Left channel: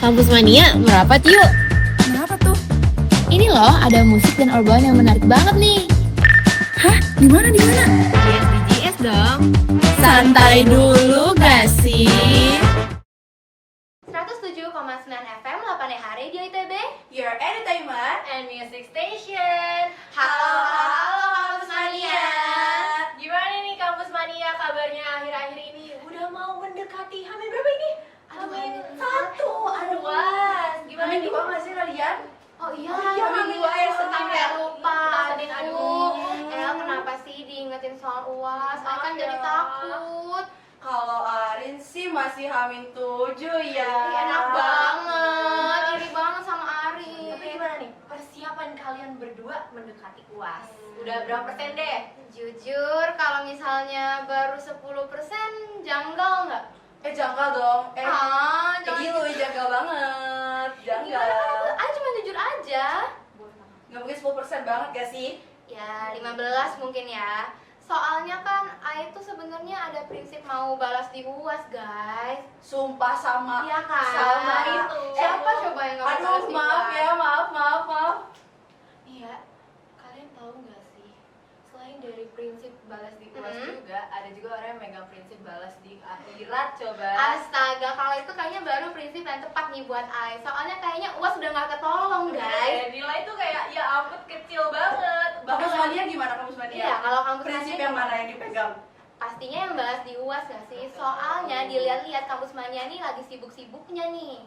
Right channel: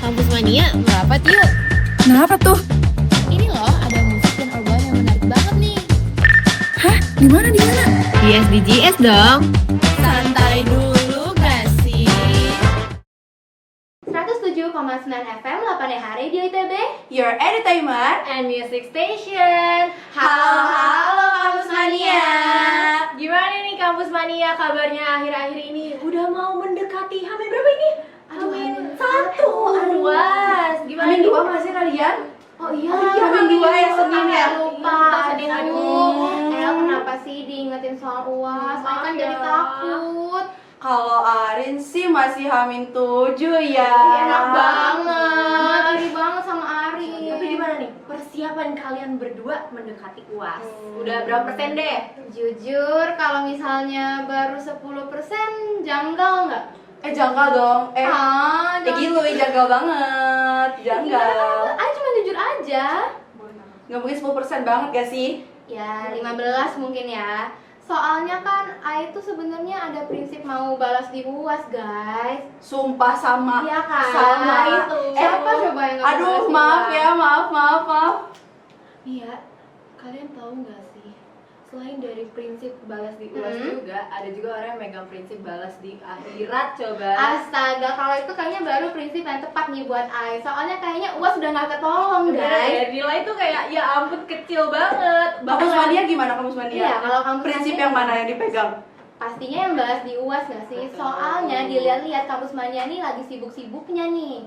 Kampus Mania, merapat yuk. Kenapa tuh? Ini loh, ada musik dan obrolan yang menarik banget nih. Hah? Di mana? Di SDGs dong. Santai dulu gak sih? 107,9 FM 8 hari di ITB Your Entertainment and Music Station. Halo Kampus Mania. Gimana nih Kampus Mania kabarnya akhir-akhir ini? Udah mau mendekati Hamin berapa ini? Hamin 1. Aduh, was. Gimana Hamin nih? 2 masih kalian? Oh iya, Hamin 2 ya Senin ya? Lupa. Senin, Aduh. Kenapa sih diingetin soal UAS? Saya kan jadi takut. Kalau Arin sih masih Hamin 7 ya. Enak banget, iri banget sama Ari. Tapi gimana nih persiapan kalian berdua mendekati UAS? Udah berapa persen deh? Jujur, kalau misalnya baru 10% janggal nggak? Janggal dong. Jangan Janggal banget. Janggal. Ayo cuma jujur aja. Gak mungkin 10% banget gak sih? Ya, 15 mungkin ya. Soalnya kan Ai tuh sebenarnya ada prinsip mau balas di UAS, guys. Sumpah sama. Iya kan? Sama Itu. Siapa coba yang nggak Aduh, balas di maaf UAS? ya, maaf. Iya, kalian tahu nggak sih? Selain dari prinsip balas di UAS juga, ada juga orang yang megang prinsip balas di akhirat. Coba. Astaga, kalau itu kayaknya baru prinsip yang tepat nih buat Ai. Soalnya kayaknya UAS udah nggak ketolong, guys. Nilai tuh kayak ya ampun kecil banget. Kampus Mania gimana Kampus Mania? Iya, kalau kampus prinsip Mania yang mana yang dipegang? pastinya yang balas di UAS gak sih? Soalnya dilihat-lihat kampus Mania nih lagi sibuk-sibuknya nih.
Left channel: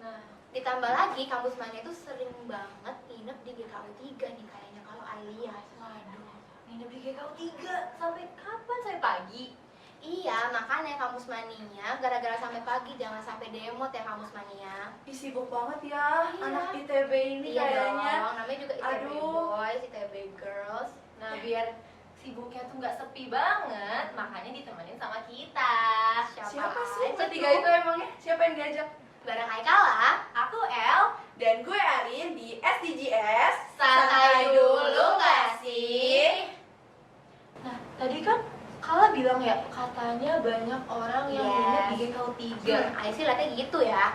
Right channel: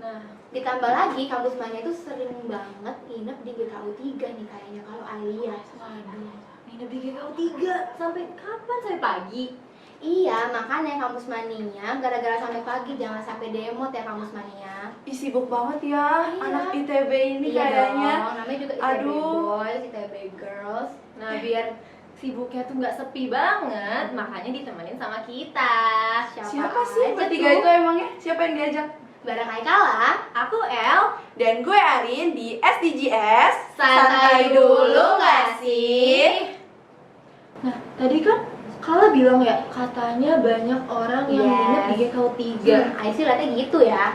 Nah, Ditambah lagi kampus Mania tuh sering banget nginep di GKU 3 nih kayaknya kalau Ai lihat. waduh, nginep di GKU 3 sampai kapan? Sampai pagi? Iya, makanya kampus Mania gara-gara sampai pagi jangan sampai demot ya kampus Mania. Ih, sibuk banget ya Iya. anak ITB ini Iya kayaknya. dong, namanya juga ITB Aduh. boys, ITB girls. Nah, biar sibuknya tuh nggak sepi banget, makanya ditemenin sama kita. Siapa sih aja bertiga tuh? itu emangnya? Siapa yang diajak? Bareng Aikala. Aku El. Dan gue Arin di SDGs. Santai dulu nggak sih? Nah, tadi kan Kala bilang ya, katanya banyak orang yang Yes. nginep di GKU 3. Ai sih liatnya gitu ya.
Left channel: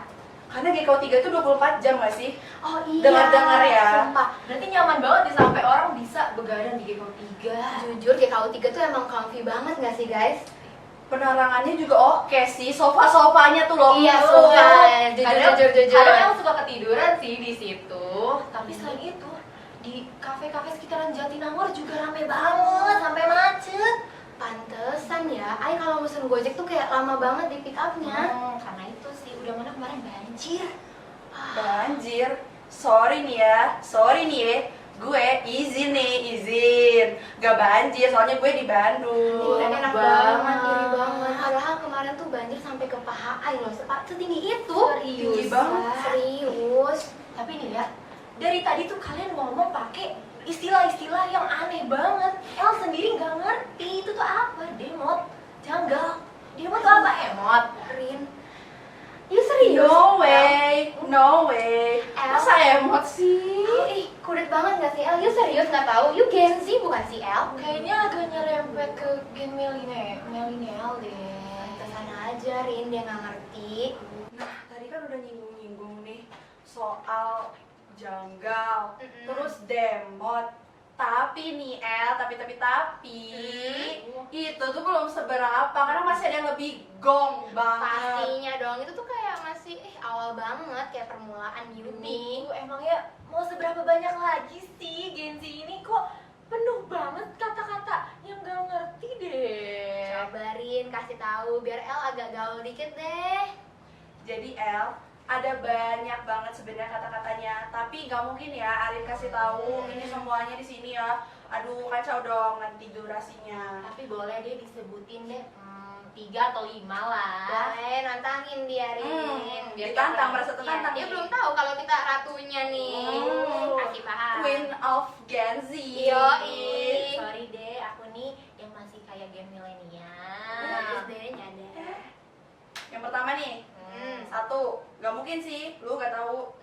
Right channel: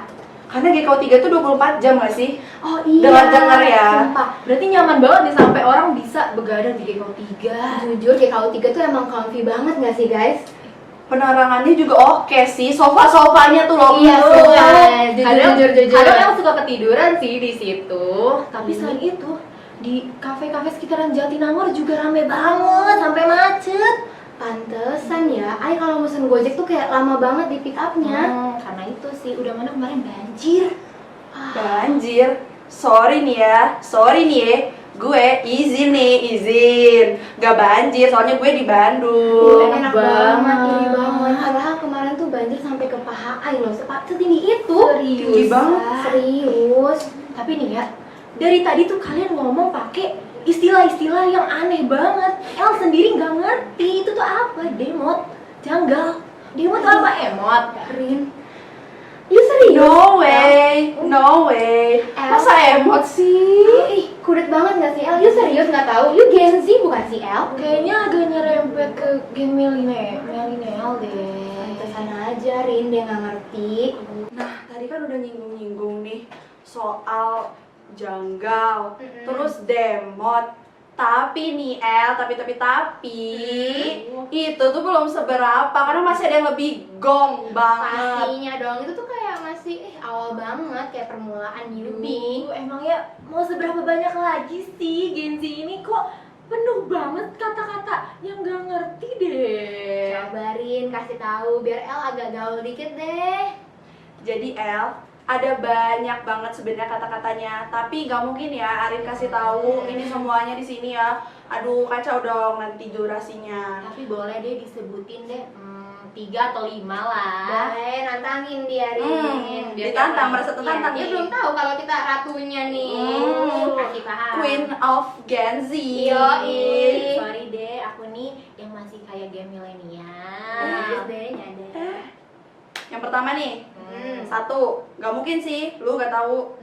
Karena GKU 3 tuh 24 jam gak sih? Oh iya. Dengar-dengar ya. Sumpah. Berarti nyaman banget nih sampai orang bisa begadang di GKU 3. Jujur GKU 3 tuh emang comfy banget gak sih guys? Penerangannya juga oke sih. Sofa-sofanya tuh loh. Iya, sumpah. Jujur. Kadang yang suka ketiduran sih di situ. Tapi selain itu, di kafe-kafe sekitaran Jatinangor juga rame banget sampai macet. Pantesan ya, Ai kalau mesen Gojek tuh kayak lama banget di pick up-nya. Karena itu sih udah mana kemarin banjir. Banjir. Sorry nih ya. Gue izin. Gak banjir, soalnya gue di Bandung. Enak banget, iri banget. Padahal kemarin tuh banjir sampai ke paha Ai loh, setinggi itu. Tinggi banget. Serius. Tapi nih ya, dari tadi tuh kalian ngomong pakai istilah-istilah yang aneh banget. El sendiri nggak ngerti itu tuh apa, demot, janggal. Demot tuh apa, emot? Rin, you serius? No way. Masa emot sih? Ih, kudet banget gak sih El? You serius nggak tahu? You Gen Z bukan sih El? Kayaknya agak nyerempet ke gen milenial deh. Pantesan aja Rin, dia nggak ngerti. Nah, tadi kan udah nyinggung nih soal janggal, terus demot. Tapi nih tapi itu tuh belum seberapa karena masih ada yang lebih gong banget. Pastinya dong, itu tuh kayak masih awal banget, kayak permulaan newbie. Emangnya mau seberapa banyak lagi sih Gen Z ini kok penuh banget kata-kata yang gak ngerti deh. Sabarin, kasih tahu biar El agak gaul dikit deh. Jadi ada banyak banget sebenarnya kata-katanya, tapi nggak mungkin ya Arin kasih tahu ini semuanya di sini ya. Aduh, kacau dong nanti durasinya. Tapi boleh deh disebutin deh 3 atau 5 lah. Boleh, nantangin dia Rin. Biar ditantang, merasa tertantang Dia nih. belum tahu kalau kita ratunya nih. Kasih paham. Queen of Gen Z. Yoi. Sorry deh, aku nih yang masih kayak gen milenial. Bagus deh, nyadar. Yang pertama nih, Satu, nggak mungkin sih, lu nggak tahu.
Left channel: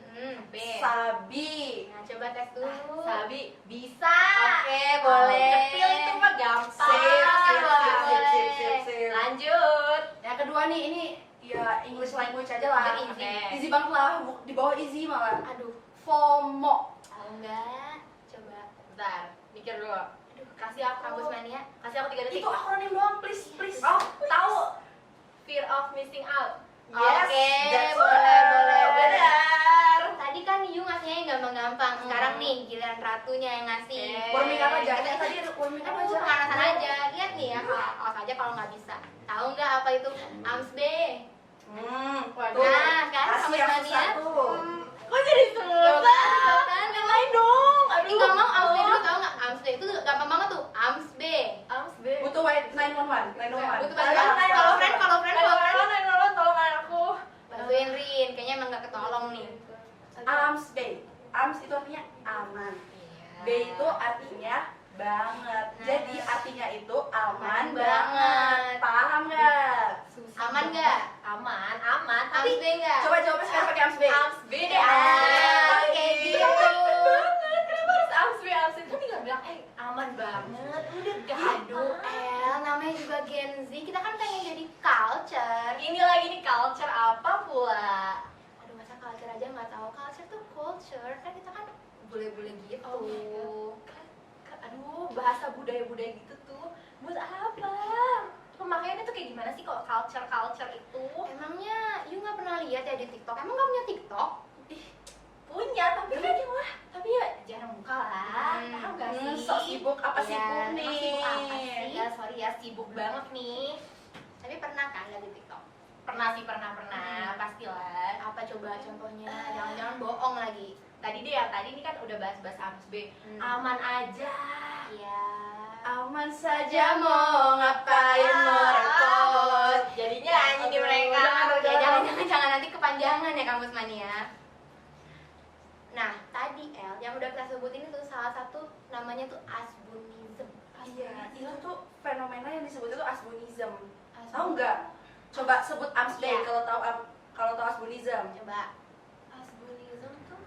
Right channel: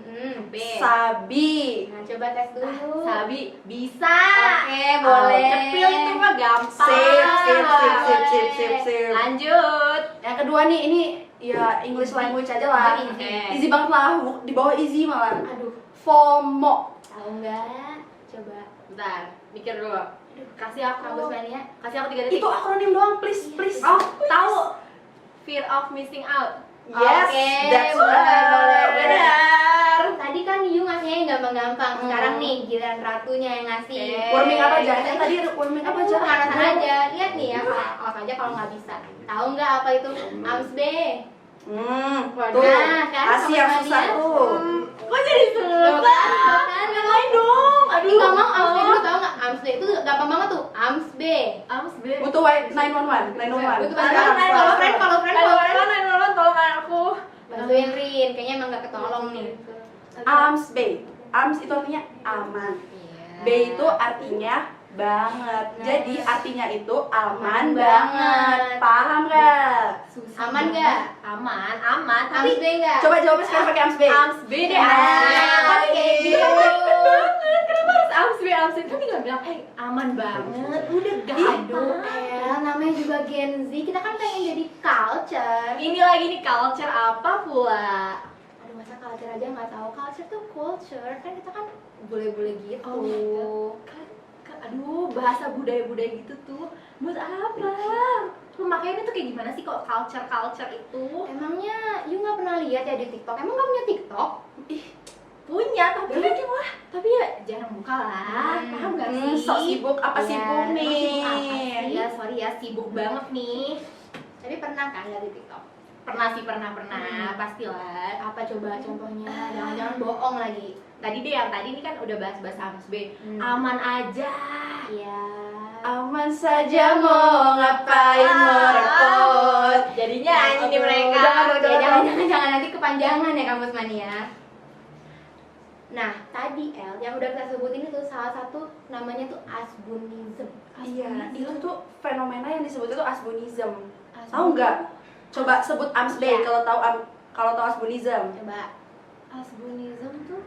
B. Sabi. Nah, coba tes dulu. Sabi bisa. Oke, boleh. Cepil itu mah gampang. Sip. Lanjut. Yang kedua nih, ini ya English language aja lah. Oke. Easy banget lah, di bawah easy malah. Aduh, FOMO. tahu nggak? Coba. Bentar, mikir dulu. Kasih Kampus aku. Mania. Kasih aku 3 detik. Itu akronim doang, please. Oh, tahu. Fear of missing out. Yes, Oke, that's boleh, right. boleh. Benar. Tadi kan Yu ngasihnya yang gampang-gampang. Sekarang nih giliran Ratunya yang ngasih. Oke. Warming apa aja? Tadi warming apa aja? Pemanasan aja. Lihat nih ya, awas aja kalau nggak bisa. Tahu nggak apa itu? AMS B. Tuh, Nah, kan kasih yang sama susah dia. tuh. Kok jadi susah? Kan Yang lain dong. Tapi ngomong AMS B dulu, tahu nggak? AMS B itu gampang banget tuh. AMS B. Ams B. Butuh 911. Butuh Sekarang bantuan. 911. Kalau friend. 911 tolong aku. Bantuin Rin, kayaknya emang gak ketolong nih. AMS B. AMS itu artinya aman. Iya. B itu artinya banget. Nah. Jadi artinya itu aman Aman banget. banget. Paham nggak? Susah Aman banget. nggak? Aman. AMS Tapi B nggak? Coba jawabnya sekarang pakai AMS B. Ams B deh. Nah, Oke. gitu. Kenapa harus Ams B? Ams B kan tinggal bilang, aman banget. Udah Aduh, gampang. El, namanya juga Gen Z, kita kan pengen jadi culture. Ini lagi nih culture apa pula? Aduh, masa culture aja nggak tahu? Culture tuh culture, kan kita kan bule-bule gitu. Oh my God. Aduh, bahasa budaya-budaya gitu tuh buat apa? Pemakaiannya tuh kayak gimana sih kok culture itu? Emangnya you nggak pernah lihat ya di TikTok? Emang nggak punya TikTok? Punya, tapi ya jarang buka lah. Paham gak sih? Sok sibuk apa Iya, sibuk emang nih? sibuk apa sih? Iya, sorry ya, sibuk banget nih. Tapi pernah kan lihat di TikTok? Pernah sih, pernah. Pastilah. Apa coba contohnya? Jangan-jangan bohong lagi. Tadi deh, yang tadi ini kan udah bahas-bahas Ams B. Hmm. Aman aja. Iya. Aman saja mau ngapain merepot. Jadinya nyanyi nih mereka. Jangan nanti kepanjangan ya Kampus Mania. Nah, tadi El yang udah kita sebutin itu salah satu namanya tuh asbunism. Iya, itu tuh fenomena yang disebut itu asbunism. Tahu nggak? Coba sebut AMS B Iya. kalau tahu asbunism. Coba. Asbunism tuh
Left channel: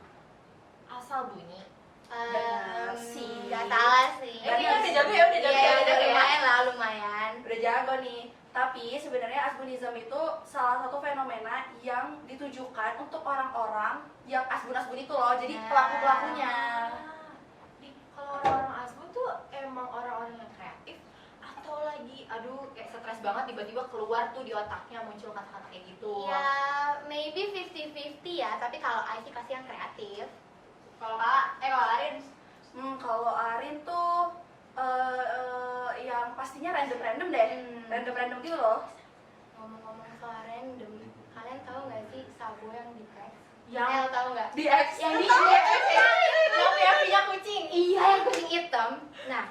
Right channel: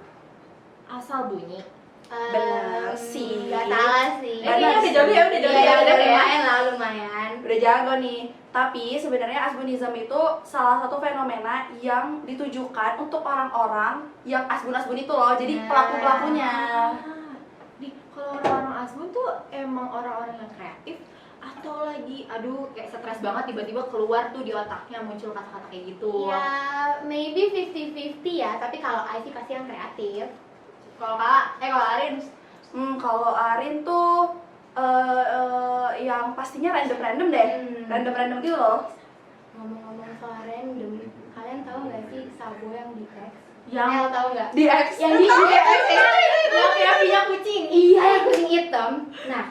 asal bunyi. Bener sih. Gak salah sih. Kayaknya udah jago ya, udah jago Iya, ya, udah ya. lumayan lah, lumayan. Udah jago nih. Tapi sebenarnya asbunism itu salah satu fenomena yang ditujukan untuk orang-orang yang asbun-asbun itu loh. Jadi Nah. pelaku-pelakunya. Nih, kalau orang-orang asbun tuh emang orang-orang yang kreatif atau lagi aduh kayak stres banget tiba-tiba keluar tuh di otaknya muncul kata-kata kayak gitu. Ya, maybe 50-50 ya, tapi kalau I sih pasti yang kreatif. Kalau kalau Arin Kalau Arin tuh yang pastinya random-random deh. Random-random gitu loh. Ngomong-ngomong soal random, kalian tahu nggak sih Sabo yang di X? Yang El tahu nggak? Di X. Yang di yang punya kucing. Iya, yang kucing hitam. Nah,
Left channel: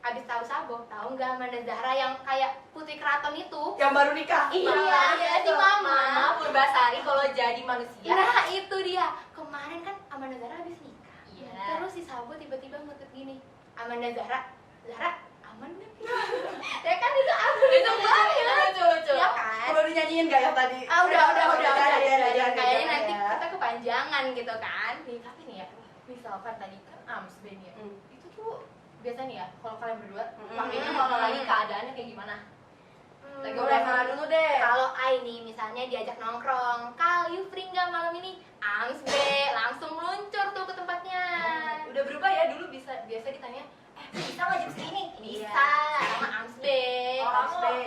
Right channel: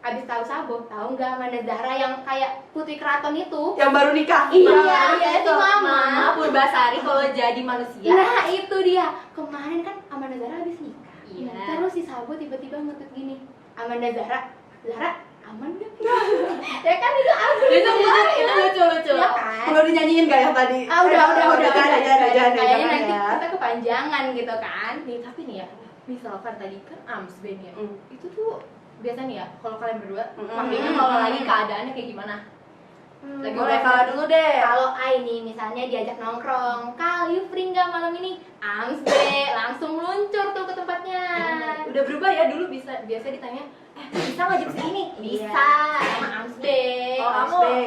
abis tahu Sabo, tahu nggak Amanda Zahra yang kayak Putri Keraton itu? Yang baru nikah. Iya, itu Mama. Mama Purbasari kalau jadi manusia. Nah, itu dia. Kemarin kan Amanda Zahra abis nikah. Iya. Terus si Sabo tiba-tiba ngetut gini. Amanda Zahra, aman gak? Ya kan itu aku. Itu lucu. Ya kan? Perlu dinyanyiin gak yang tadi? Udah. Jangan, Kayaknya jangan nanti ya. kita kepanjangan gitu kan. Nih, tapi nih ya, misalkan tadi kan Ams Ben ya. Mm. Itu tuh biasa nih ya, kalau kalian berdua Mm-mm. pakainya kalau lagi keadaannya kayak gimana? Lagi Boleh kalah dulu deh. Kalau I nih misalnya diajak nongkrong, Kal, you free nggak malam ini? Ams deh, langsung meluncur tuh ke tempatnya. Udah berubah ya, dulu biasa ditanya, bisa nggak jam segini? Bisa, sama Ams deh. Oh, Mas kamu? deh.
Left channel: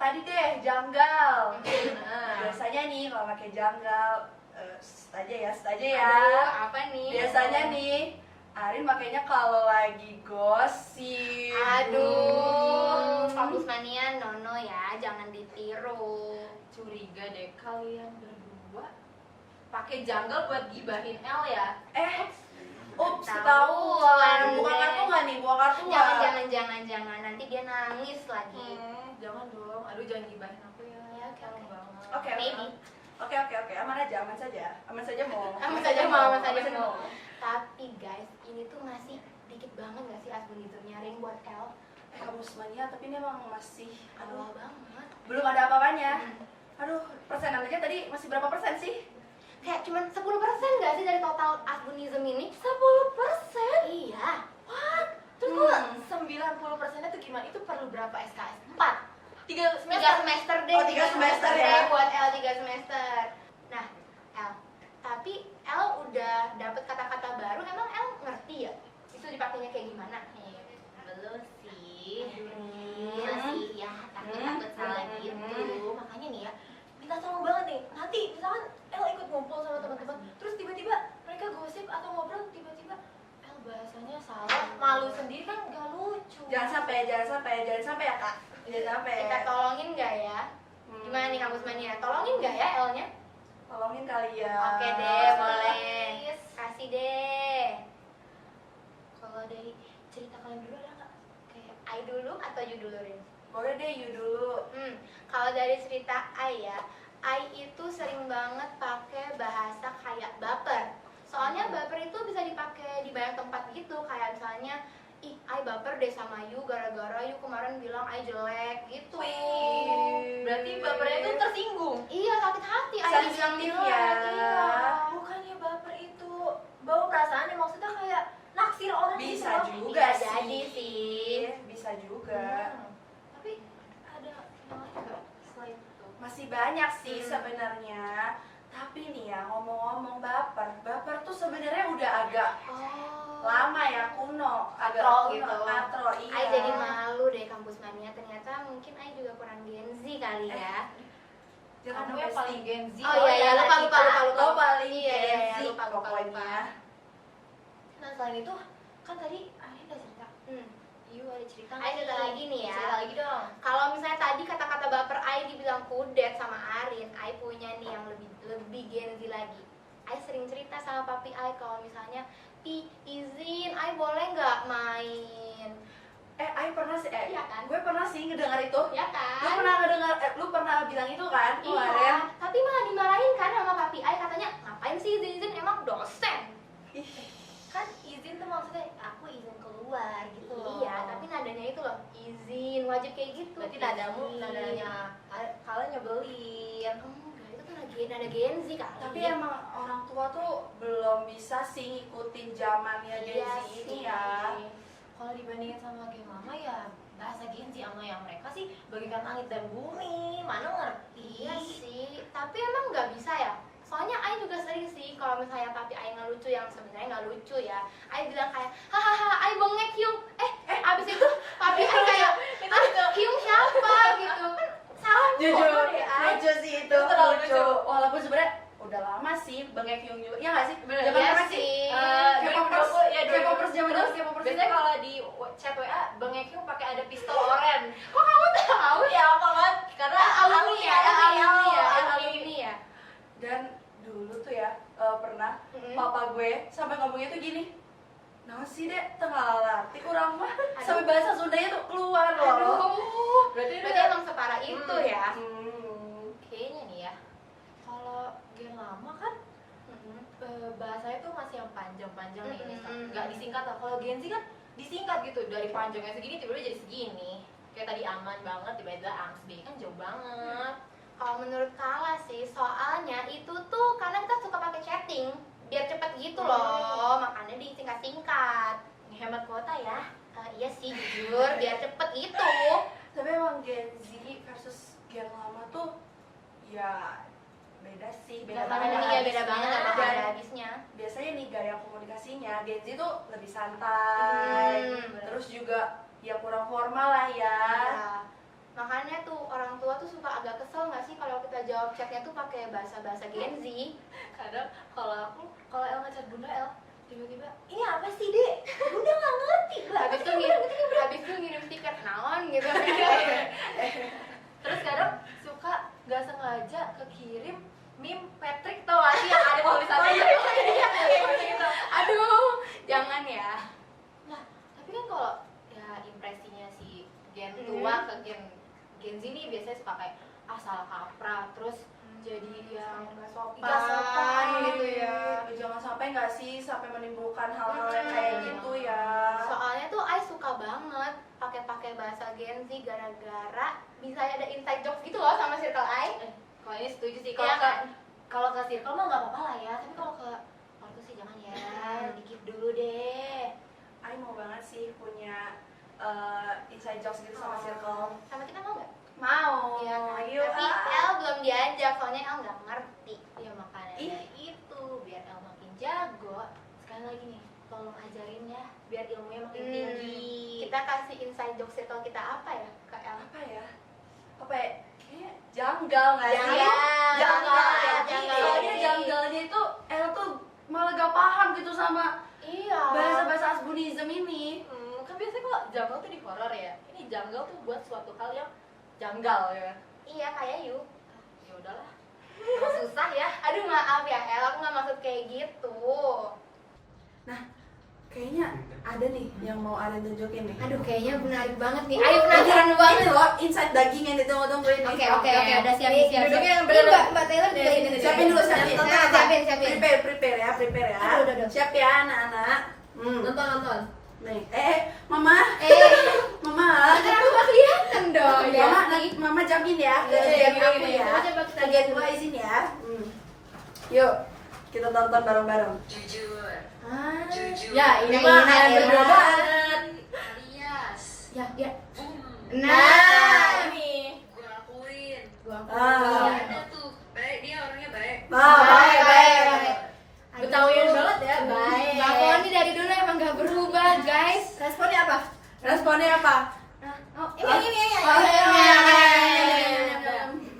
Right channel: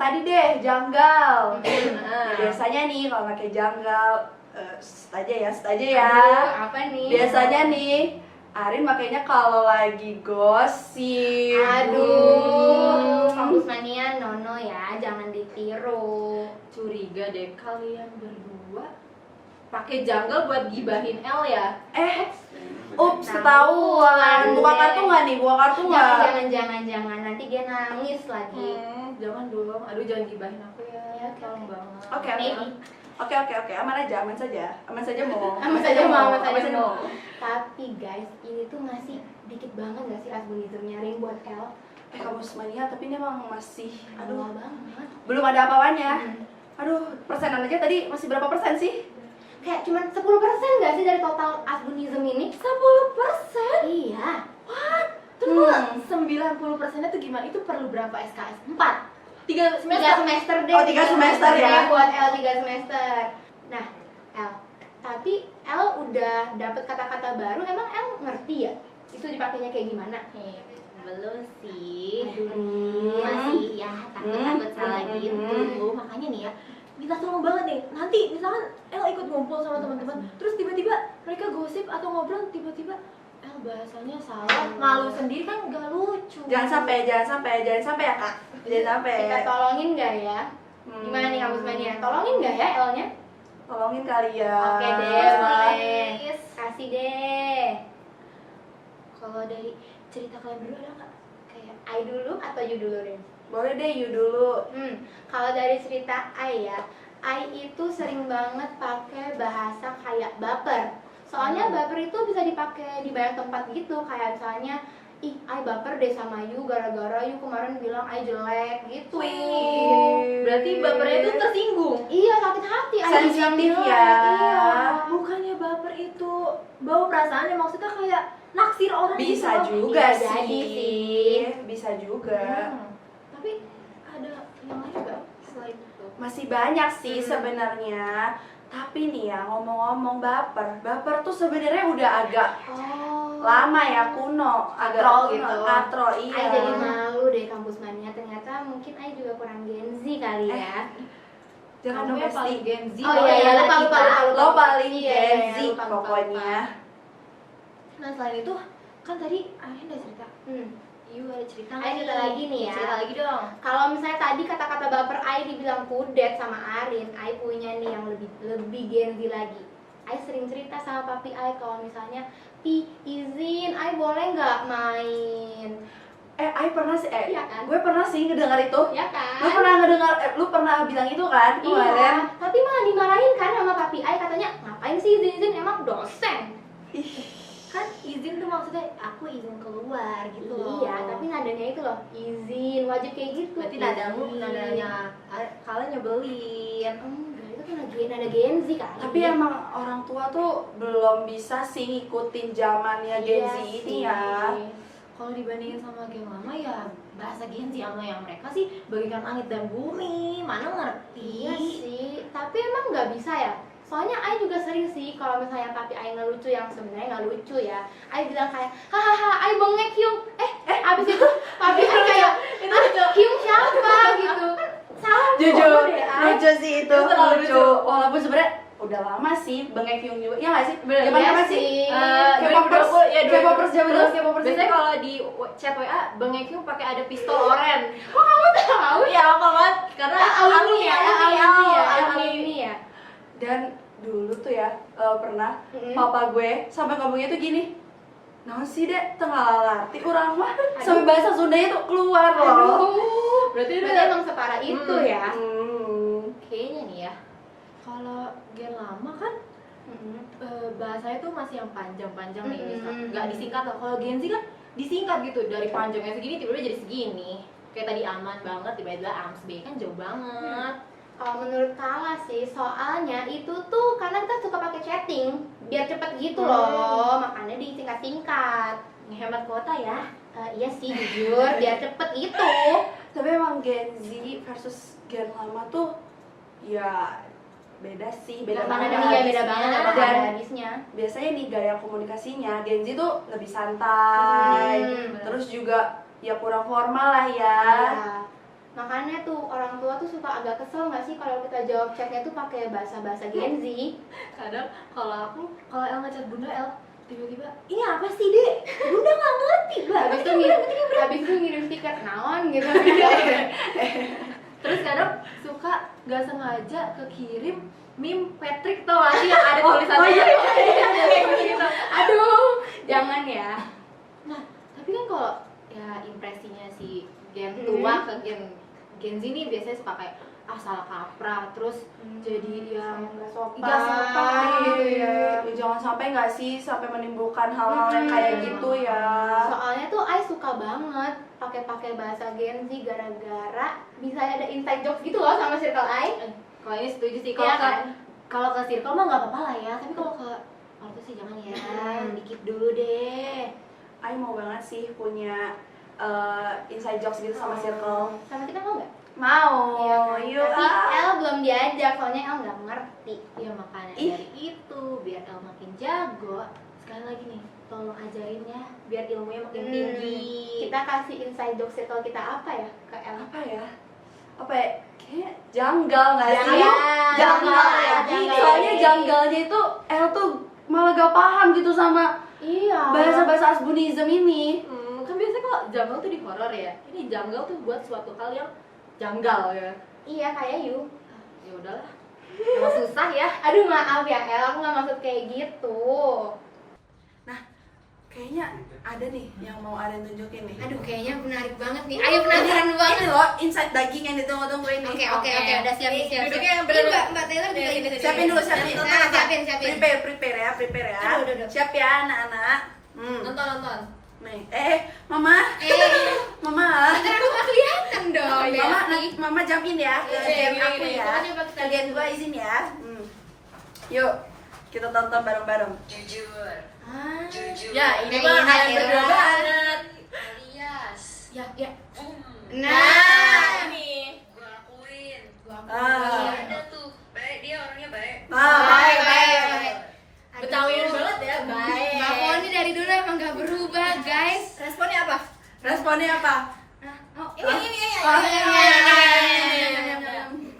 Tadi deh janggal. Nah. Biasanya nih kalau pakai janggal, set aja ya. Aduh, apa nih? Biasanya nih, Arin makanya kalau lagi gosip. Aduh, Kampus Mania nono ya, jangan ditiru. Curiga deh kalian berdua pakai janggal buat gibahin L ya? Ups, Tahu. ketahuan. Buka kartu nggak nih? Buka kartu nggak? Jangan, nanti dia nangis lagi. Jangan dong, aduh jangan gibahin aku ya, Ya, oke, tolong oke. banget. Oke, Maybe. oke, aman aja mau. Aman saja mau. Tapi guys, ini tuh masih dikit banget gak sih asbunismnya Ring buat L? Kampus Mania, tapi ini emang masih, Aduh, banget. belum ada apa-apanya. Aduh, persenan aja tadi masih berapa persen sih? Kayak cuman 10% nggak sih dari total Asbunism ini? 10%? Iya. Terus kok 90%-nya tuh gimana? Itu perlu berapa SKS? 4? 3 semester? 3 semester deh. Oh, 3 semester ya. Deh buat L 3 semester. Nah, L. Tapi L udah dapet kata-kata baru, emang L ngerti ya? Itu dipakainya kayak gimana? Belum sih. Masih ya takut-takut salah gitu. Makanya nih ya, minta tolong banget nih. Nanti misalkan El ikut ngumpul sama teman-teman, terus tiba-tiba mereka gosip atau ngobrol, tiba-tiba El bahasanya salah, malu sendiri kan nggak lucu. Jangan sampai ya Kak. Jangan sampai. Kita tolongin nggak ya? Gimana nih kampus mania? Tolongin nggak ya L-nya? Tolongin kali ya. Oke deh, boleh. Kasih deh. Kalau dari cerita kalian berdua ada nggak? Kayak I dulu atau you dulu deh? Boleh deh, you dulu. Kalau dari cerita I ya, I itu sering banget pakai bahasa kayak baper. Soalnya baper itu bisa dipakai di banyak tempat gitu, kayak misalnya, ih, I baper deh sama you gara-gara you kemarin bilang I jelek gitu. Berarti bapernya itu tersinggung. Iya, sakit hati. I Sensitif bilang ya. Iya. Bukannya baper itu bawa perasaan yang maksudnya kayak naksir orang Bisa gitu. juga Bisa sih. jadi sih. Bisa juga. Tapi ada yang lain nggak selain itu? Masih banyak sih sebenarnya. Tapi nih ya, ngomong-ngomong baper tuh sebenarnya udah agak lama ya, kuno, agak Katro kuno, gitu. katro, iya. I jadi malu deh kampus mania, ternyata mungkin I juga kurang Gen Z kali ya. Jangan Kamu dong, yang Besti. paling Gen Z. Oh iya, lupa. Lo paling Iya, Gen Z lupa. pokoknya. Nah selain itu kan tadi Arin udah cerita. You ada cerita nggak Ayo cerita lagi nih ya. Cerita lagi dong. Kalau misalnya tadi kata-kata baper I dibilang kudet sama Arin, I punya nih yang lebih Gen Z lagi. I sering cerita sama papi I kalau misalnya, Pi, izin, I boleh nggak main? I pernah sih, Iya kan? gue pernah sih ngedengar itu. Ya kan? Lu pernah bilang itu kan kemarin? Iya, tapi malah dimarahin kan sama papi I, katanya, ngapain sih izin-izin, emang dosen? Kan izin tuh maksudnya aku izin keluar gitu loh. Iya, tapi nadanya itu loh, izin, wajib kayak gitu. berarti nadamu Izin. nadanya kalian nyebelin. Enggak, itu tuh nada Gen Z kali. Tapi emang orang tua tuh belum bisa sih ngikutin zamannya Gen Z Iya ini sih. ya. Kalau dibandingin sama game lama ya bahasa Gen Z sama yang mereka sih bagikan langit dan bumi, mana ngerti. Iya sih, tapi emang nggak bisa ya. Soalnya I juga sering sih kalau misalnya papi I ngelucu yang sebenarnya nggak lucu ya. I bilang kayak, hahaha, I bengek Hyung. Abis itu papi I kayak, Hyung siapa gitu. Kan salah Jujur, deh, I. lucu sih itu, Itu terlalu lucu. lucu. Walaupun sebenarnya udah lama sih Bengek Hyung juga, ya nggak sih? Bener, Zaman iya apa sih. sih? K-popers, ya K-popers zaman dulu, K-popers biasanya itu. kalau di chat WA Bengek Hyung pakai ada pistol oren. Kok kamu tahu? Iya apa banget? Karena alumni ya, alumni ya. Dan dulu tuh ya pernah Mm-mm. papa gue sampai ngomongnya tuh gini, naon sih dek tengah lalati urang mah sampai bahasa Sundanya tuh keluar loh. Aduh, Berarti berarti emang separah itu ya. Kayaknya nih ya, kalau gen lama kan bahasanya tuh masih yang panjang-panjang nih, misal nggak disingkat loh. Kalau Gen Z kan disingkat gitu, dari panjangnya segini tiba-tiba jadi segini. Kayak tadi aman banget, tiba-tiba AMS B kan jauh banget. Kalau menurut Kala sih, soalnya itu tuh karena kita suka pakai chatting biar cepet gitu loh, makanya disingkat-singkat. Ngehemat kuota ya. Iya sih jujur, biar cepet gitu. Tapi emang Gen Z versus Gen lama tuh ya beda sih, beda Karena banget. ada beda banget apa Dan ada habisnya. biasanya nih gaya komunikasinya Gen Z tuh lebih santai, bener. terus juga ya kurang formal lah ya. Iya. Makanya tuh orang tua tuh suka agak kesel nggak sih kalau kita jawab chatnya tuh pakai bahasa-bahasa Gen Z. Kadang kalau El ngechat Bunda El, tiba-tiba ini apa sih dek? Bunda nggak ngerti banget. Habis itu ngirim stiker naon gitu. Terus kadang suka nggak sengaja kekirim meme Patrick, tau gak sih yang ada tulisannya gitu. Aduh, jangan ya. Nah tapi kan kalau ya impresinya si Gen tua ke Gen Z nih biasanya suka kayak asal kaprah, terus jadi yang nggak sopan. nggak sopan gitu ya. Ya, jangan sampai nggak sih sampai menimbulkan hal-hal yang kayak gitu ya. Soalnya tuh I suka banget pakai bahasa Gen Z gara-gara bisa ada inside jokes gitu loh sama circle I. Kalau ini setuju sih. Iya kan? Kalau ke circle mah nggak apa-apa lah ya. Tapi kalau ke ortu sih jangan ya. Dikit dulu deh. Ai mau banget sih punya inside jokes gitu sama circle. Sama kita mau nggak? Mau. Iya kan? Yuk, Tapi El belum diajak, soalnya El nggak ngerti. Ya makanya Ih. dari itu biar El makin jago. Sekali lagi nih, tolong ajarin ya biar ilmunya makin tinggi. Kita kasih inside joke circle kita apa ya ke El? apa ya? Apa ya? Kayaknya janggal nggak sih? Iya, Janggal janggal, lagi. janggal Soalnya lagi. janggalnya itu El tuh malah gak paham gitu sama Iya. bahasa-bahasa Asbunism ini. Kan biasanya kalau janggal tuh di horor ya. Ini janggal tuh buat suatu hal yang janggal ya. Iya kayak you. Ya udahlah. Emang susah ya. Aduh maaf ya El, aku nggak maksud kayak gitu. Kayaknya ada nih yang mau Aren tunjukin nih. Aduh kayaknya menarik banget nih. Ayo penasaran banget. Ini loh inside daging yang ditunggu-tunggu ini. Oke, udah siap nih, siap. Duduknya yang Ini bener-bener. Mbak Taylor juga ini. Siapin dulu, siapin. Nah, siapin. Prepare ya. Aduh. Siap ya anak-anak. Nonton. Nih, Mama. Mama. Ntar aku nggak kelihatan dong. Mama jamin ya. Iya, Jamin gini, aku gini. ya. Coba kita Kalian lihat dua dulu. izin ya. Yuk, kita tonton bareng-bareng. Ya, ini Nah, mah ini kalian ya. berdua banget. Ya. Nah, Nah, ini. Ah, Dia orangnya baik. baik. Betawian banget ya, baik. Mbak Foni dari dulu emang nggak berubah, guys. Responnya apa? Responnya apa? Oh, ini. Oh,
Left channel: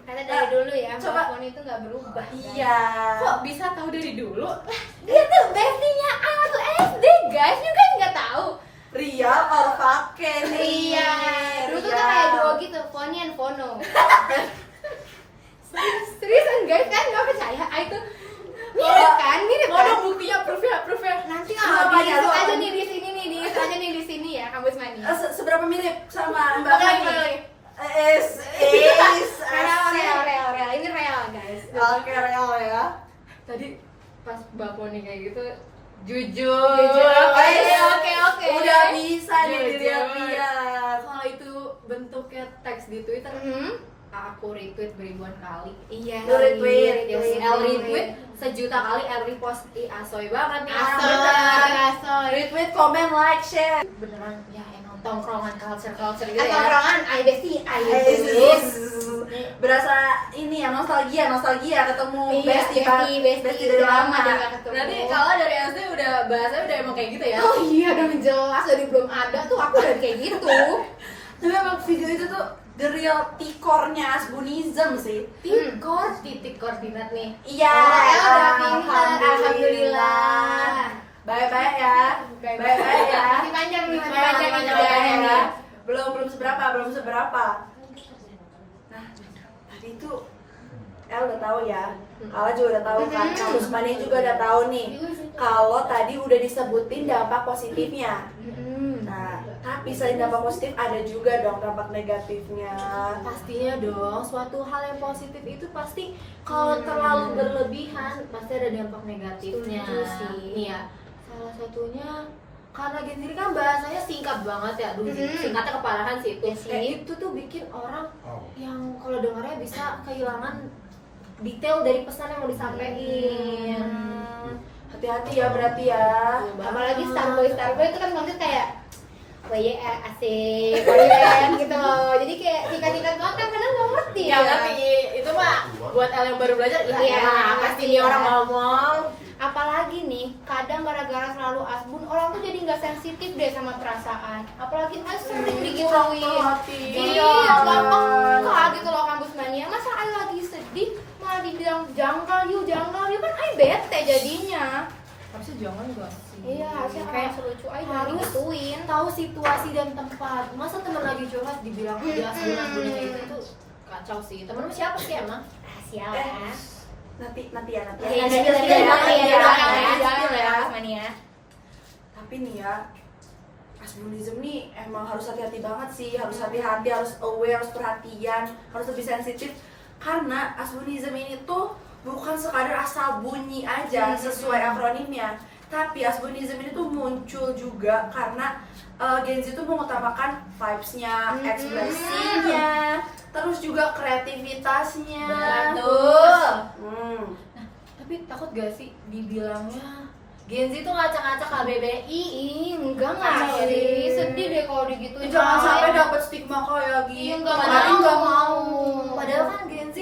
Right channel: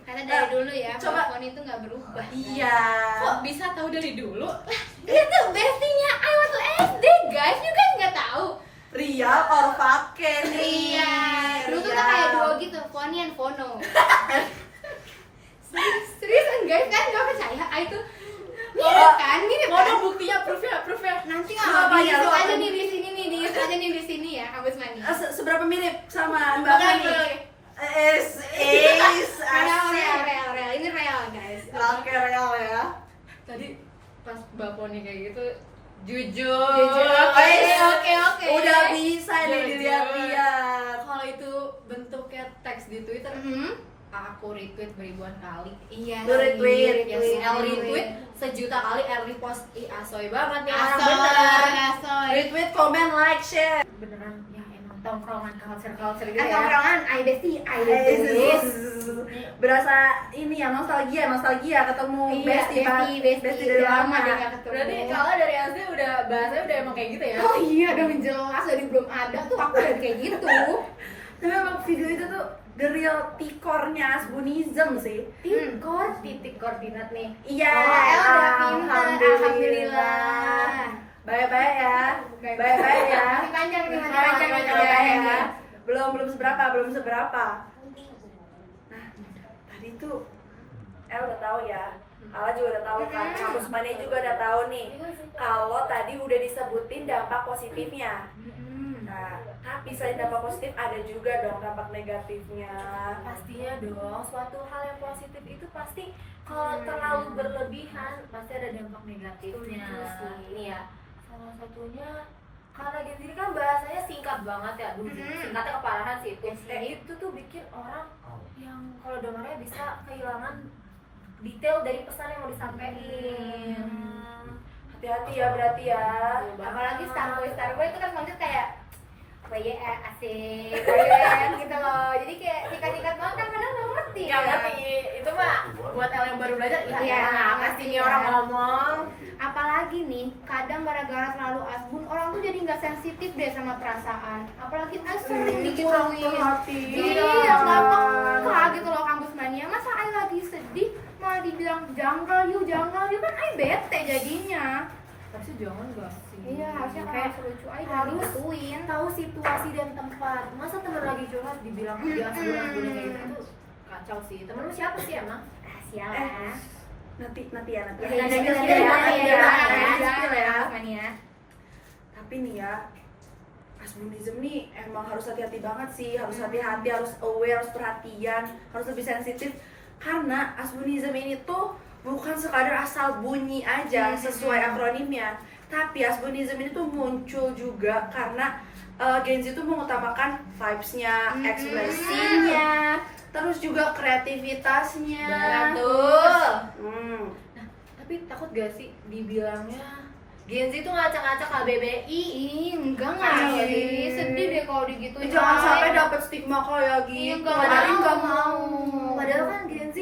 Karena dari dulu ya, Coba. Mbak Foni itu nggak berubah. Iya. Kok bisa tahu dari dulu? Dia tuh bestinya I waktu SD, guys. You kan nggak tahu. Real or fake nih? Iya. Dulu tuh kita kayak duo gitu, Foni and Fono. Seriusan guys, kan nggak percaya? I tuh mirip kan, mirip kan? Mana buktinya, proofnya? Nanti Coba kalau ya, diisi lo aja apa? nih di sini nih, diisi aja nih di sini ya, kampus mani. Seberapa mirip sama Mbak Oke, Fani? oke. Real. Ini real guys. Oke, real ya. Tadi pas Mbak Poni kayak gitu Jujur. Oke. Udah bisa nih Jujur. dilihat-lihat. Kalau itu bentuknya teks di Twitter, aku retweet beribuan kali. Iya. Lu retweet. Ya, si L retweet sejuta kali, L repost. Asoy banget nih orang bener. Asoy. Retweet, comment, like, share. Beneran ya emang tongkrongan culture gitu ya. Tongkrongan, I bestie. Berasa ini ya nostalgia ketemu Iya, bestie dari lama. udah nggak ketemu. Berarti kalau dari SD udah bahasanya udah emang kayak gitu ya. Oh iya, dong jelas dari belum ada tuh aku udah kayak gitu. Tapi emang video itu tuh the real tikornya Asbunism sih. Titik koordinat nih. Iya, Udah pintar, alhamdulillah. Baik-baik ya. Baik-baik ya. Masih panjang nih, masih Panjang, panjang. panjang ya. Belum seberapa. Nah, tadi tuh El udah tahu ya. Kala juga udah tahu kan. Kampus Mani juga udah tahu nih. Kalau tadi udah disebutin dampak positifnya. Nah, tapi selain dampak positif ada juga dong dampak negatifnya. Pastinya dong, suatu hal yang positif itu pasti kalau terlalu berlebihan pasti ada dampak negatifnya. Setuju sih. Nih ya, salah satunya karena Gen Z ini kan bahasanya singkat banget ya, aduh singkatnya keparahan sih itu. Iya sih. Itu tuh bikin orang yang kalau dengarnya bisa kehilangan detail dari pesan yang mau disampaikan. Hati-hati ya berarti ya. Apalagi Starboy itu kan maksudnya kayak asik, kalian gitu loh. Jadi kayak tingkat-tingkat banget kan kadang nggak ngerti. Ya ngerti, itu mah buat El yang baru belajar, ya Iya, apa sih ini orang ngomong. Apalagi nih, kadang gara-gara selalu asbun orang tuh jadi nggak sensitif deh sama perasaan. Apalagi sering digituin. Iya, gampang gitu loh kampus mania. Masa Ayu lagi sedih malah dibilang janggal yuk kan Ayu bete jadinya. Harusnya jangan gak sih? Iya, harusnya kayak selucu Ayu jangan harus digituin. tahu situasi dan tempat. Masa temen lagi curhat dibilang ya asbun-asbunnya kayak gitu tuh kacau sih. Temenmu siapa sih emang? Rahasia Nanti ya. Iya, Spill ya. mania. Tapi nih ya, Asbunism nih emang harus hati-hati banget sih, harus hati-hati, harus aware, harus perhatian, harus lebih sensitif karena Asbunism ini tuh bukan sekadar asal bunyi aja sesuai akronimnya, tapi Asbunism ini tuh muncul juga karena Gen Z tuh mengutamakan vibes-nya, ekspresinya, terus juga kreativitasnya. Betul. Hmm. Tapi takut gak sih dibilangnya Gen Z itu ngacak-ngacak KBBI? Enggak Iya. sih, sedih deh kalau digituin. Jangan sampai dapat stigma kayak gitu. Enggak Padahal nggak mau. Padahal kan Gen Z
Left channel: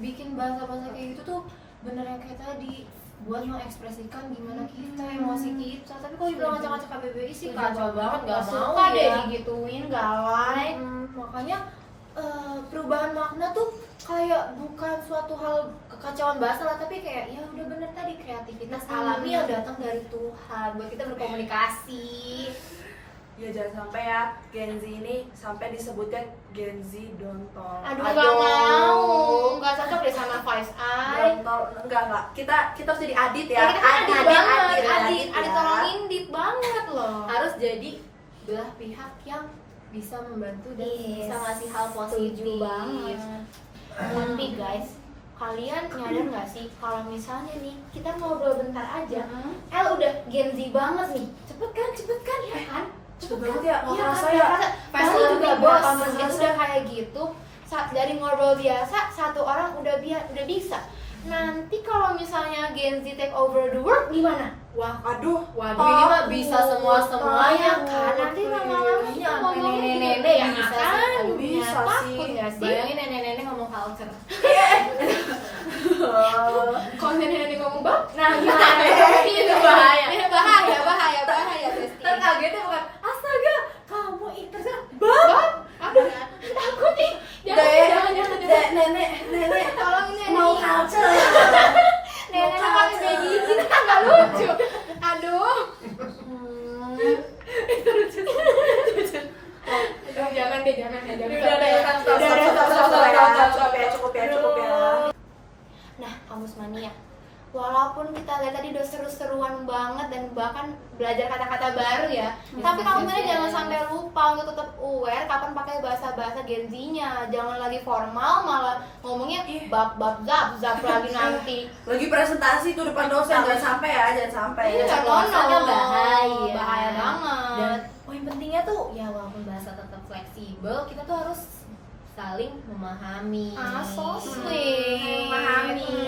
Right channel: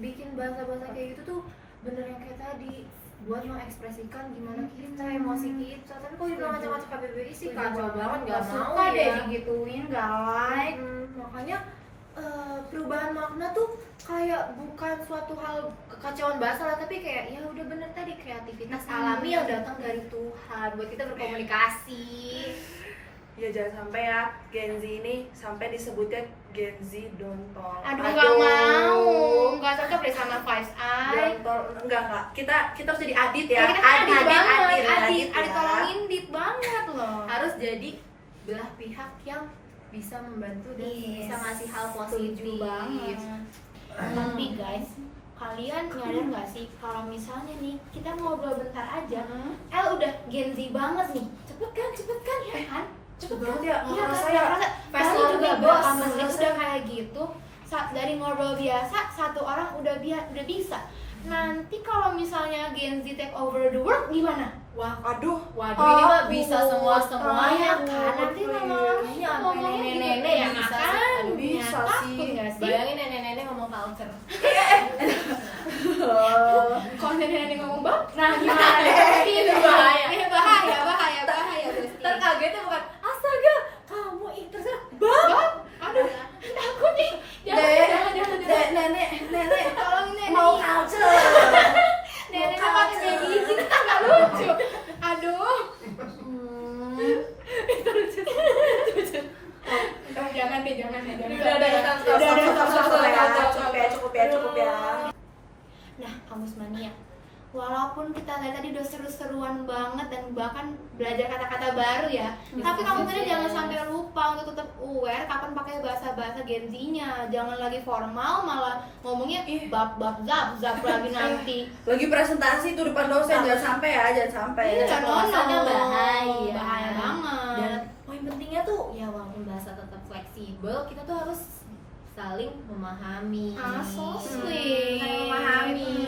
bikin bahasa-bahasa kayak gitu tuh bener yang kayak tadi, buat mengekspresikan gimana kita, emosi kita. Tapi kalau dibilang ngacak-ngacak KBBI sih kacau banget, gak mau suka deh ya. digituin, gak like. Makanya perubahan makna tuh kayak bukan suatu hal kekacauan bahasa lah, tapi kayak ya udah bener tadi, kreativitas alami yang datang dari Tuhan buat kita berkomunikasi. Ya jangan sampai ya Gen Z ini sampai disebutkan Gen Z dontol. Aduh, gak mau, gak cocok deh sama voice I. Dontol, enggak. Kita harus jadi adit ya. Kita kan Adit Adit ya. tolong indit banget loh. Harus jadi belah pihak yang bisa membantu dan Yes, bisa ngasih hal setuju positif banget. Tapi guys, kalian nyadar nggak sih kalau misalnya nih kita ngobrol bentar aja, El udah Gen Z banget nih, cepet kan ya kan? Cepet banget ya, nggak Iya, kerasa nggak ya. kerasa. Fast Paling learner, juga bos. udah kayak gitu, dari ngobrol biasa satu orang udah bisa. Nanti kalau misalnya Gen Z take over the world gimana? Wah, Aduh, waduh, ini mah bisa semuanya kan? Nanti lama-lama Iya, kita sampai ngomongnya nenek-nenek gitu, bisa ya sih. kan? Aduh, bisa Takut sih. nggak sih? Bayangin nenek-nenek ngomong culture. Kalau nenek ngomong bab, nah gimana? Itu bahaya. bahaya Besti. Ntar kagetnya bukan, astaga, kamu terserah bab. Aduh, takut nih. Jangan. Nenek, Tolong nenek. mau culture. Nenek pakai medicine kan nggak lucu. Aduh. Jangan deh. Udah, Cukup ya. Nah, Kamus Mania, walaupun kita lihat tadi udah seru-seruan banget dan bahkan belajar kata-kata baru ya, tapi kamu tadi jangan sampai lupa untuk tetap aware kapan pakai bahasa-bahasa Gen Z-nya. Jangan lagi formal malah ngomongnya bab zap lagi nanti. Lagi presentasi tuh depan dosen, jangan sampai ya, jangan sampai. Ini nggak Bahasanya ngono. bahaya. Bahaya banget. Dan poin pentingnya tuh ya walaupun bahasa tetap fleksibel, kita tuh harus saling memahami. So sweet. Memahami.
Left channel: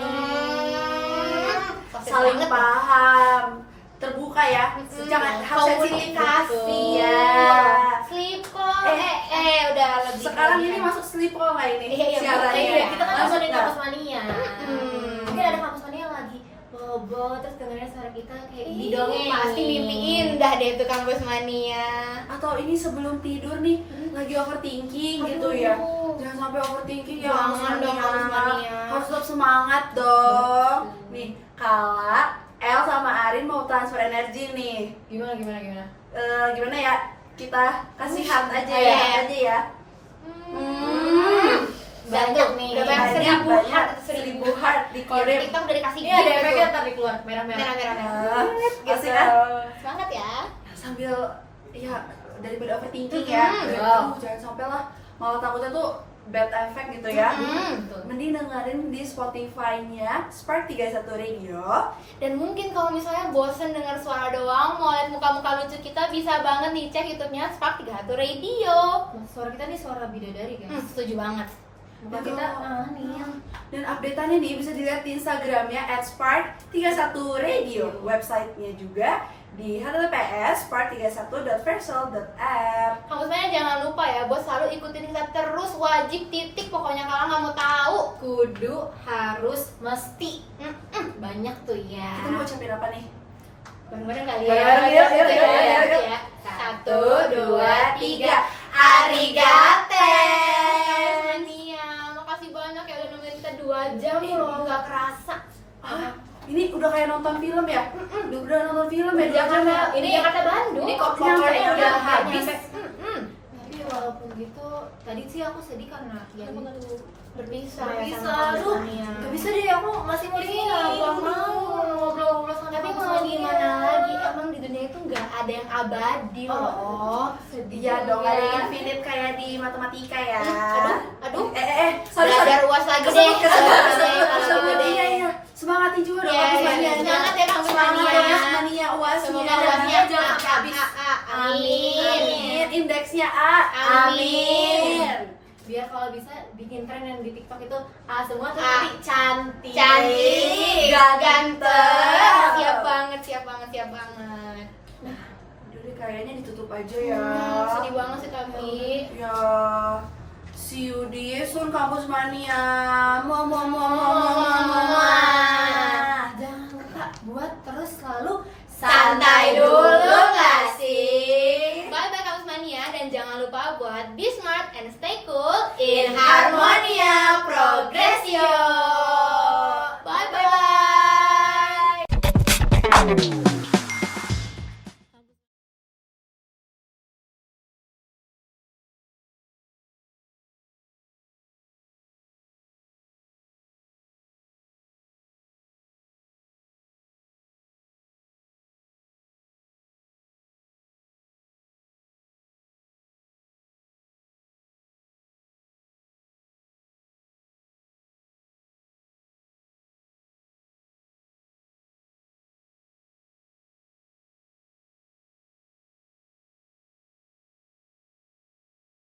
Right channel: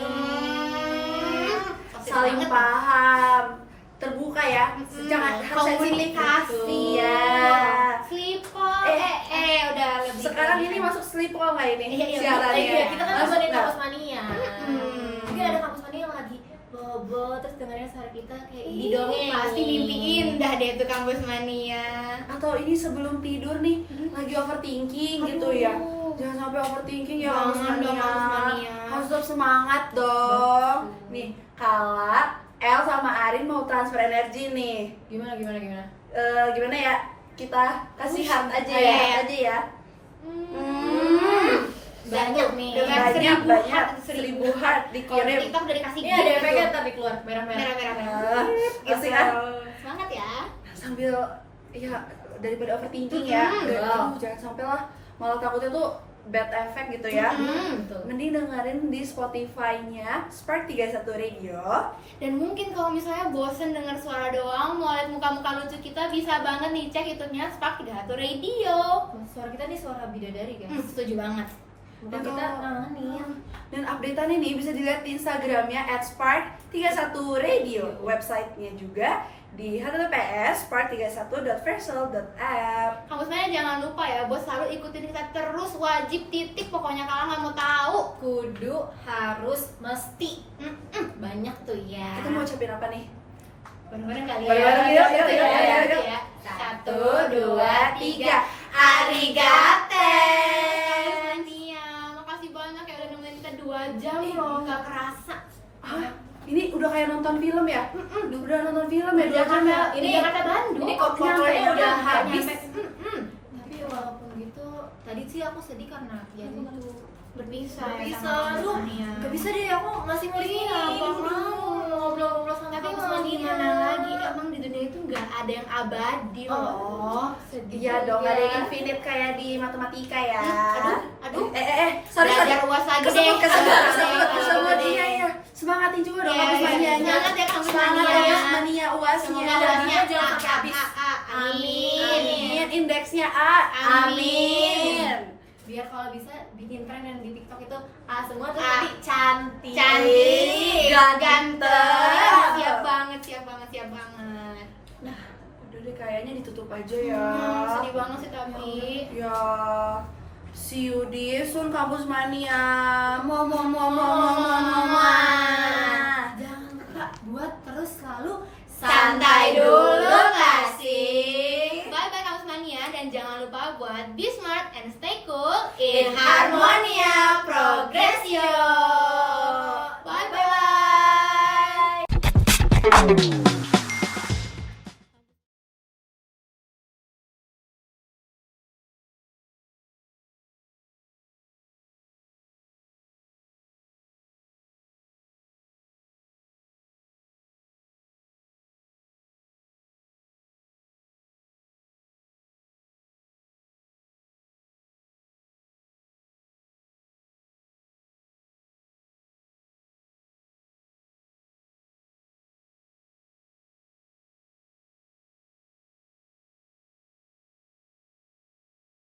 Saling paham, terbuka ya. Jangan harus komunikasi ya. Sleep call. Udah lebih. Sekarang ini masuk sleep call nggak ini? Iya, siarannya? Iya, kita kan Masuk masuk di nggak? kampus mania. Mungkin ada kampus mania yang lagi bobo terus dengerin suara kita kayak didongeng. Pasti mimpi indah deh tuh Kampus Mania. Atau ini sebelum tidur nih lagi overthinking gitu ya. Jangan sampai overthinking ya, harus Jangan dong, Kampus Mania. harus tetap semangat dong. Nih, Kala, El sama Arin mau transfer energi nih. Gimana? Gimana ya? Kita kasih heart aja ya, Ayo. heart aja ya. Banyak nih. Udah Banyak, 1000 heart Kalau dikirim. TikTok udah dikasih Ini ada efeknya ntar di keluar merah-merah. merah-merah. Asik kan? Semangat ya. Sambil ya daripada overthinking ya. Wow. Jangan sampai lah, malah takutnya tuh bad effect gitu ya. Betul. Mending dengerin di Spotify-nya Spark 31 Radio. Dan mungkin kalau misalnya bosen dengar suara doang, mau lihat muka-muka lucu kita, bisa banget nih cek YouTube-nya Spark 31 Radio. Suara kita nih suara bidadari guys. Setuju banget. Muka kita aneh. Dan update-annya nih bisa dilihat di Instagramnya @spark31radio. Website-nya juga di https://spark31.versal.app. Kamu sebenarnya jangan lupa ya, bos selalu ikutin kita terus, wajib titik pokoknya kalau nggak mau tahu. Kudu, harus, mesti. Banyak tuh ya. Kita mau ucapin apa nih? Bareng-bareng kali ya. Bareng-bareng, yuk. Ya. 1, 2, 3. Arigato. Mania, makasih banyak ya udah nungguin kita 2 jam loh, nggak kerasa. Ini udah kayak nonton film ya? Udah nonton film ya? Ini Jakarta Bandung. Ini popcornnya udah habis. Mm-mm. Tapi walaupun gitu, tadi sih aku sedih karena ya gitu. Berpisah. Aduh, gak bisa deh, aku masih mau di sini. Nggak mau ngobrol-ngobrol sama Tapi kampus mau mania. gimana lagi? Emang di dunia itu nggak ada yang abadi loh. Oh, Sedih iya dong, ya. ada yang infinite kayak di matematika ya. Aduh. Sorry. Belajar UAS lagi deh. Kesebut, iya. Semangatin juga dong Iya, kampus iya, manianya. semangat ya kampus Semangat mania. kampus mania UAS-nya. Semoga energinya jangan sampai habis. Amin. Indeksnya A. Amin. biar kalau bisa bikin tren yang di TikTok itu semua tuh A. tapi cantik, ganteng. siap banget, siap banget. Udah deh, kayaknya ditutup aja ya. Sedih banget sih tapi. Ya, see you di Sun Kampus Mania. Jangan lupa buat terus selalu Santai dulu nggak sih? Bye bye Kampus Mania, dan jangan lupa buat be smart and stay cool in Harmonia Progresio. Bye bye.